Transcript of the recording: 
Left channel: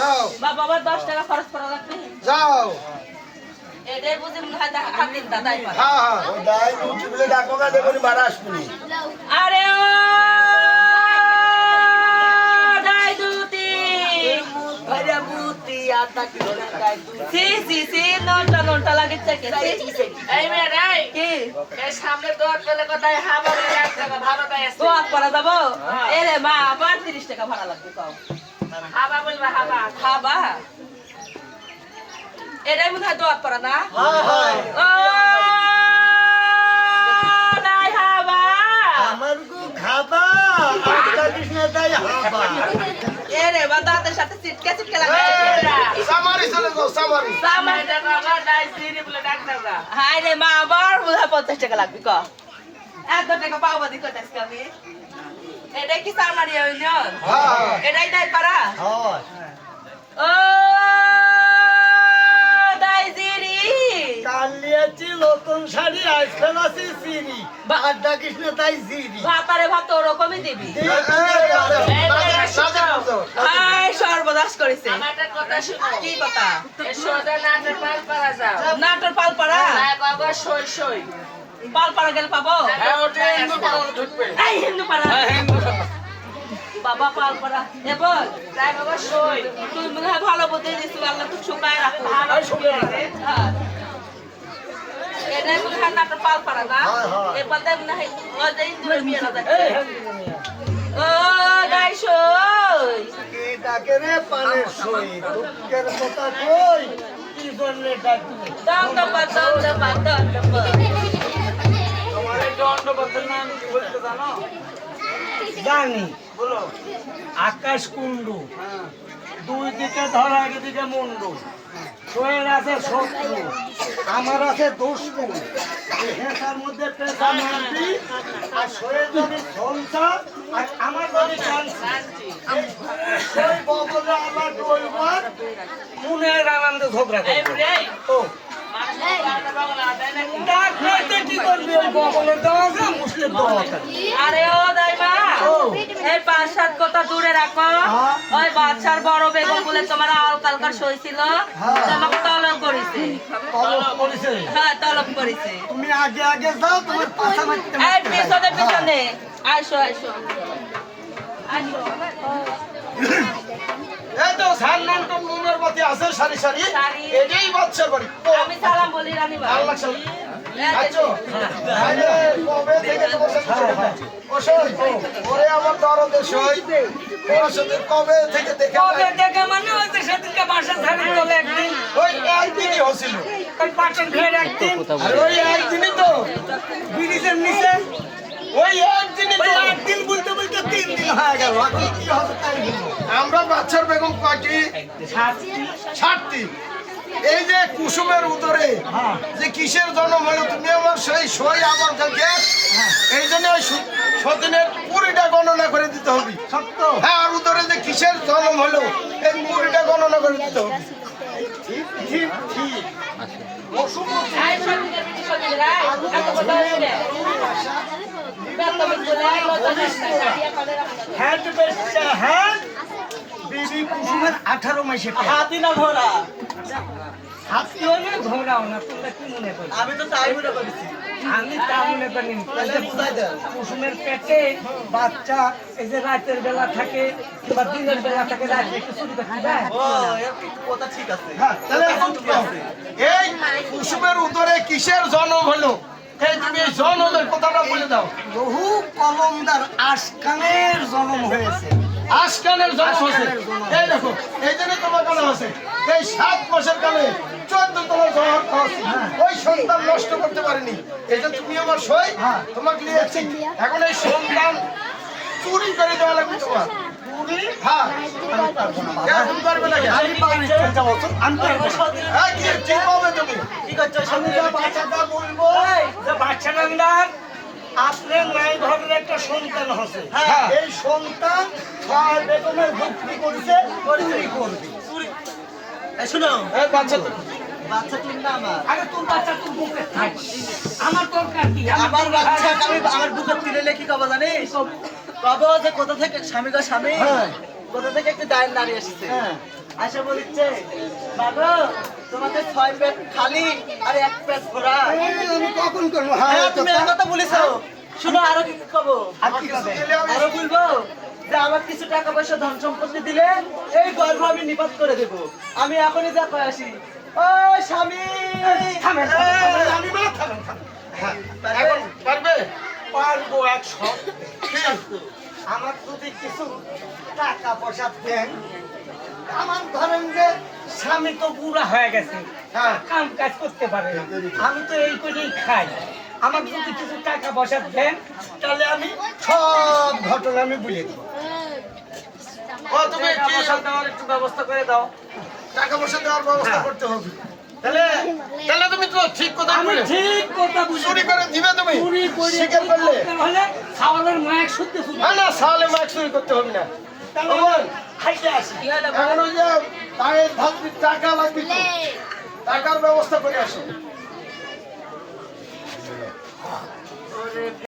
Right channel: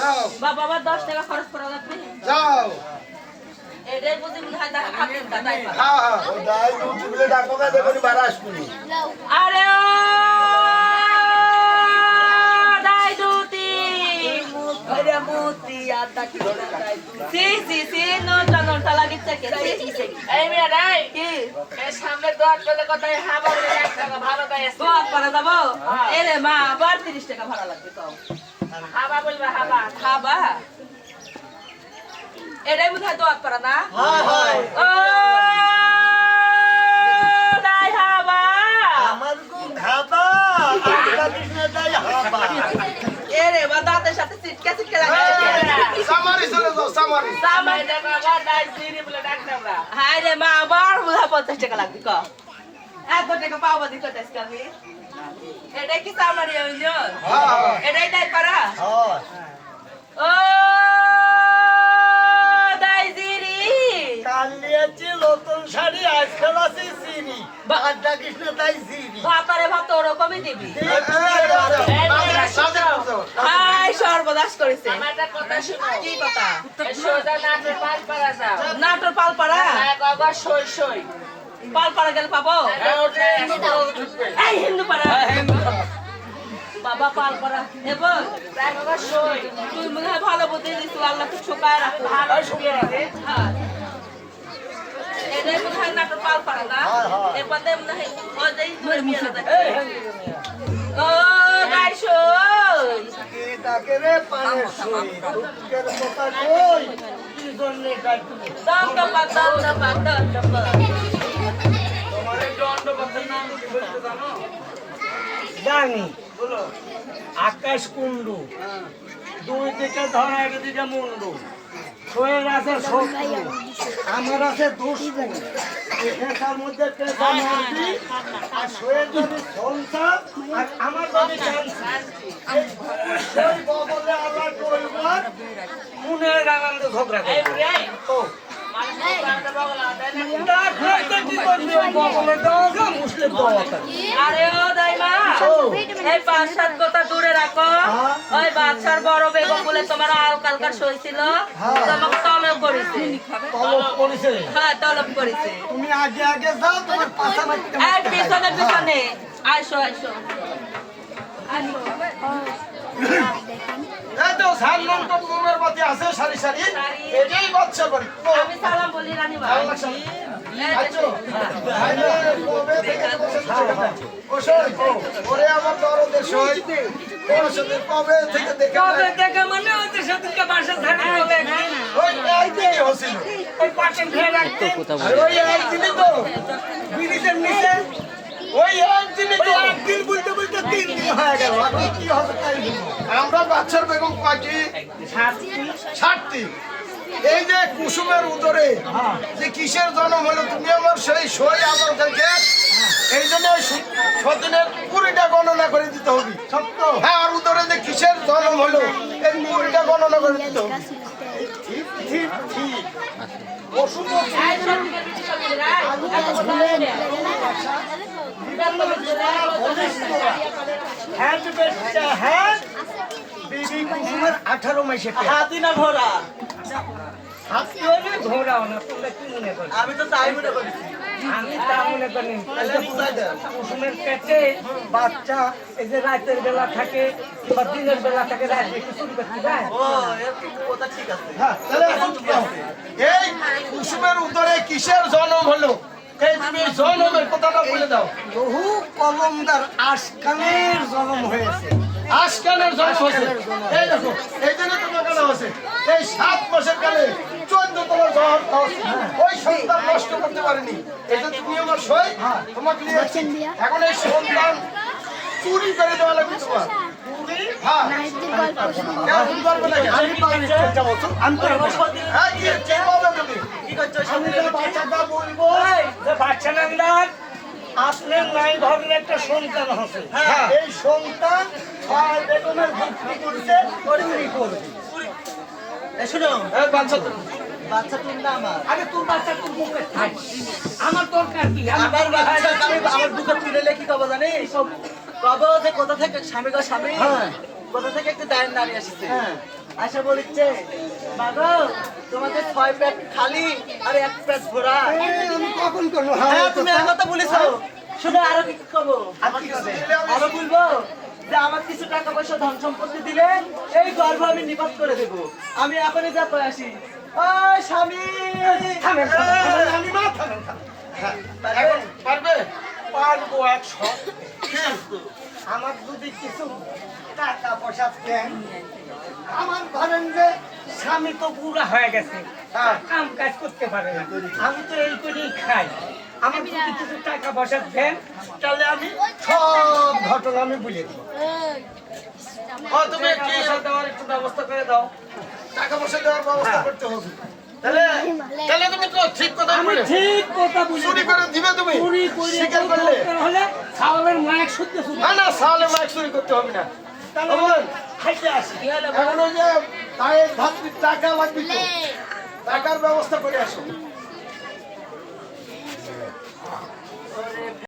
যাও বাবা আবার 10 টাকা খরচ করা লাগবে যাও এটাই বুঝি মনে হয় হাতের দাদাই পারে হ্যাঁ হ্যাঁ ও দাই দুটি বলে ডাকো না দেখুন বাড়া আসবি আরে ও দাই দুটি আরে মুতি আদা কি ধরে দাই তুই সি নটা লাগিছে কে এই মেয়ে রাই কি এই সামনে দোয়া করলে কোথায় হাবা বলে একটা ভালো দাই আছে দোয়া করা যাবো এলে মা আবার 30 টাকা ভাড়া লাগবে কও হাবা বলবা হাবা খাবা এটাই মনে হয় দোয়া করা না হ্যাঁ হ্যাঁ ও দাই হাবা আমার গো খাবা আদা কৃষ্ণ দাই হাবা এরে বা দাঁতের সাথে চিটকে লাগে সামারি চলে যাও সামারি সামনে টাকা দাই সিরি বলে ডাক দাও না হাই রে মা আবার বুঝা 50 টাকা লাগবে ক 1 টাকা পাবো দি কত আজকে আমি এটাই কি সামনারি হইল হ্যাঁ এটাই দাই পারা হ্যাঁ ও দাই জিরি কালিয়াছি নতুন শাড়ি আজ ফেলাছি সিরি আদা কৃষ্ণ তাই জিরি ভাতারে ভাত ওরকমই দিবি সাজে যাও হাই সর্বনাশ করেছে আমার একটা কথা শুনো কি কথা এই সোজা নাচে পাল পারা যাও নাটোর পালপাড়া হ্যাঁ বাবা সই সই পালপাড়া গেলে পাবো হ্যাঁ ওটা হিন্দু ঢুকবে এই হিন্দু পাড়া বাবা পালপাড়া এবার তাই বাবা সই তুই মনে হয় ভালো বুদ্ধি দিস আল্লাহ তো শুকায় রাখো ভালো শুকিয়ে রে হ্যাঁ এটাই মনে হয় নাটোর পালপাড়া না হ্যাঁ, হ্যাঁ। এবার তাই মনে হয় ওদের দূরে বিয়ে না দেখে ও গাই সই কে ডাকে রে পানের সই দুঃখের কথা কই কি জন্য ডাকবি দণ্ডপা তোমার এই দণ্ডপথের নাম কি বলতে জানো জানি বলো আকাশ কুণ্ডু দুই দিকে ধরা একদিকে মুন্ডু শোয়ের আছে শত্রু আমার আছে দুষ্টু এখানকার মধ্যে পেশা মারবি আর শোয়ের যদি সংসার আর আমার যদি সেই বগলে আবার ডলবার মনের আনন্দে ঝগড়া এই করবে রে তো মানুষ বাড়াতে পাবো না তাই নাকি না খেতে কি করবি ওই বগলে দেওয়া আছে মুসলিম দেওয়া আছে আরে ও দাইমা ও এই 5-7 কথা দূরে রাখো হ্যাঁ। ওই বাচ্চার বড় বেগম বলে তোমার আলকালকা সইছিল হ্যাঁ। তোমাকে তলব করেছে তলব করেছে হ্যাঁ তলব করেছে তুমি আগে আগে যাও তোমার পাশা মারতে এই মারতে পিছনে যাই। পিছনে আইসো আইসো আইসো এই তো সালমান তো মোমের বাতি আছে সারি সারি সারি। এটাই বাচ্চা বাড়ি আমি সালাম বলি রানী ভাই আল্লাহ সালাম। আচ্ছা আরে কবে থেকে বসে ওসই ওরে আমার দরদের সই ওর সাথে কবে থেকে দেখে কবে থেকে মানে ওদের সাথে বাসা থাকতে চলে একদিন ওই একদিনই হছিল ওই পাটন ফের একদিন আর ওই একদিনই তো ব্রিজের নিচে ওই একদিনই তো একদিন বলতে বলতে 3 দিন হয়ে গেল এখন কি হবে তাই বলবো আমরা বাচ্চার বেগম কয়টি ছাড়তি এই যে কুসুমের উদরে হ্যাঁ। যে কিসের জন্ম হলো তুমি আমার সেই সই আমার কাছে এই জন্য ওই সতীনের পুরিটা গণনা করে দিতে হবে সত্য হ্যাঁ আর উদরে যে কিসের জন্ম হলো এই পুরিটা গণনা করে দিতে হবে ঠিক ঠিক ঠিক অসুখ এই সব থেকে বেশি সব দিলে রাই এত কথা হইবে হ্যাট বেচা হ্যাট বিবি কুসুমের 18 মাসে পেয়ে হাতি না ঘোড়া হাতি হলে ঘোরাও না তোমরা কি মনে করো আমি তো তাই মনে করেছি আমি তা মনে করি তাহলে বুঝাই দাও কুসুমের পেটে বাচ্চা এই যে রাতের বেলা থাকে বা দিনের বেলা থাকে রাতে একটু চুরি করতে দেয় ও এর কথা ঠিক আছে হ্যাঁ তাহলে এখন কি আছে? এই কুসুমের উদরে কিসের জন্ম হলো এই তুমি এই জন্মের কথাটা বলে দাও বহু কলমদার আশকানের জন্ম হয়েছে আজকালের জন্ম হয়েছে এই দেখো এই জন্য তোমার কেন আছে এই 7 মাসের কালে 14 তোমার জহর হচ্ছে ওই সন্তান নষ্ট করতে পারেনি এই যে তুমি আমার সই তোমাকে নিয়েছি এখন এই সন্তান চুরি করে দেওয়া লাগবে তোমার চুরি হ্যাঁ আমি পারবো না বাবা। কেন তুমি পারবে না কেন? আমি পারবো না, যাও তো, আমি পারবো না। হ্যাঁ কি ঠিক পাবে তুমি কি করছো আমি যে বাচ্চাটা বলবো যে বাচ্চা নামদার আপনার নাই ভাবের একটা সন্তান হচ্ছে হ্যাঁ। এই সন্তান ছয় বেগমের ভক্তি করেছে চুরি করবে শুনো এই বাচ্চা তো বাচ্চাটির নাম আমার আরে তোর বাচ্চা তোর বুকে থাক আমার দরকার কি আমার বাচ্চা আমি আমার বুকে তুলে কি কব জানিস কব যে কোথা থেকে স্বামী গো স্বামী হ্যাঁ। কোথা থেকে একটু দায়ের নারী আসছে হ্যাঁ। আশা বলছে বাবা তোমাদের 6 পেট খালি আর 1 পেট ভরা এই আমি কখন করবো? হ্যাঁ তুমি এই কথা বলেছো শুনো আরো কি কব আমার কিছু দিলে আমি- আরো বলবো যে আমার কিছু টাকা পয়সা ধন সম্পত্তি দিলে এই গর্ভ আমি নিপাত করে দেব আমি এখনই যা কই আসি ও স্বামী থামেন, থামেন, থামেন। রানীমা, থামেন, থামেন। হ্যাঁ, পারবে? এখন পারবে? পারবো 100। আমার যদি কিছু টাকা পয়সা দেন, আমার ধরেন যে স্বামী তো বুড়া হয়ে গেছে, হ্যাঁ। কাম কাজ করতে পারে না, আমি তো এই করেই খাই। আমার যদি কিছু টাকা পয়সা দেন তাহলে আমি সব ঘটনা আমি বলে দেবো। ও, তুমি কি দেওয়ার একটু ব্যবস্থা করে দাও। টাকা পয়সা দেওয়ার ব্যবস্থা হ্যাঁ। করতে হবে? তাহলে তাহলে তুমি তো ঠিক কথা আমি বলে ঠিক কথা বুঝি। চুরি করে দিবে তুমি? চুরি করে স্বীকার করলে? দরকার হলে খাওয়ালের মায়ের শুদ্ধ শুদ্ধ না, সালে মাছ চুরি করতে হবে না। তাহলে ওমন, খাইতে আসি। এখন ওই যে তায়ের ধাত্রীর টাকা লাগবে তো, টাকার ব্যবস্থা করে আসো।